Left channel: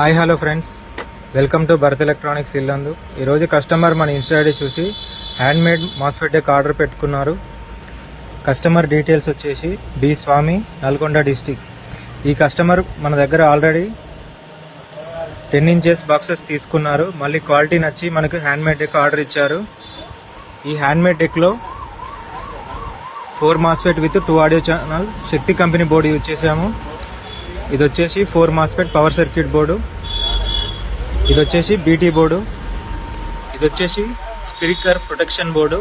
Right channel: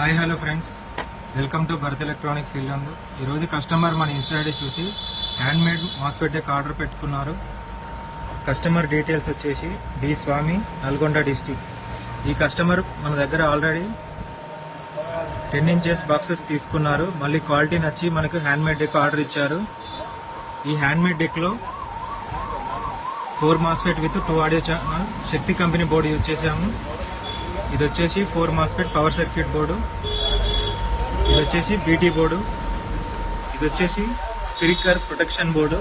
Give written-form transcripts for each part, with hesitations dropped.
Hi hello friends, welcome to Bharat Electronics Yellandu. ఈరోజు customer మన Insta ID చూసి హ్యాండ్మేడ్ మాస్ఫెట్ డెక్ ఆర్డర్ పెట్టుకున్నారు. Customer details వచ్చేసి బి స్వామి, నల్గొండ డిస్టిక్. ఈ కస్టమర్ మన దగ్గర ఆల్రెడీ 10 ఇంచెస్ బాక్సెస్ తీసుకున్నారు. మళ్ళీ క్వాలిటీ నచ్చి మనకు హ్యాండ్మేడ్ డెక్ ఆర్డర్ ఇచ్చారు. ఈ హ్యాండ్మేడ్ డెక్లో 4 MOSFET with 2 audio channel Shakti company board use చేసాము. ఇది వచ్చేసి 4 మాస్ఫెట్ పవర్ సర్క్యూట్ బోర్డు. ఇది వచ్చేసి బీటీ బోర్డు. ఇది వచ్చేసి speaker protection board.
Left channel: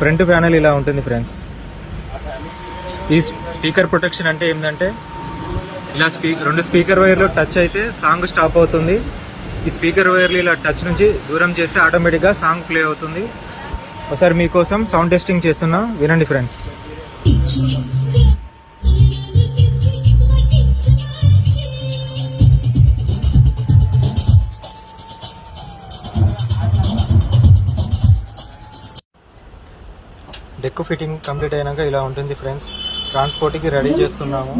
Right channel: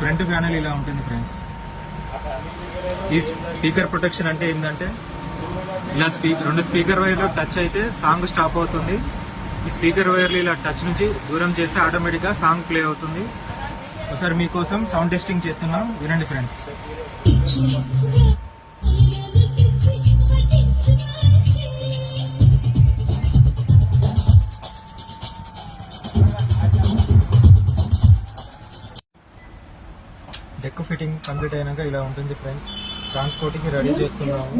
Front panel ఇలా ఉంటుంది ఫ్రెండ్స్. ఈ స్పీకర్ ప్రొటెక్షన్ అంటే ఏంటంటే ఇలా రెండు స్పీకర్ వైర్లు టచ్ అయితే సాంగ్ స్టాప్ అవుతుంది. ఈ స్పీకర్ వైర్లు ఇలా టచ్ నుంచి దూరం చేస్తే ఆటోమేటిక్గా సాంగ్ ప్లే అవుతుంది. ఒకసారి మీకోసం సౌండ్ టెస్టింగ్ చేస్తున్నా, వినండి ఫ్రెండ్స్. డెక్ ఫిట్టింగ్ కంప్లీట్ అయినాక ఇలా ఉంటుంది ఫ్రెండ్స్. ట్రాన్స్పోర్ట్కి రెడీ చేస్తున్నాము.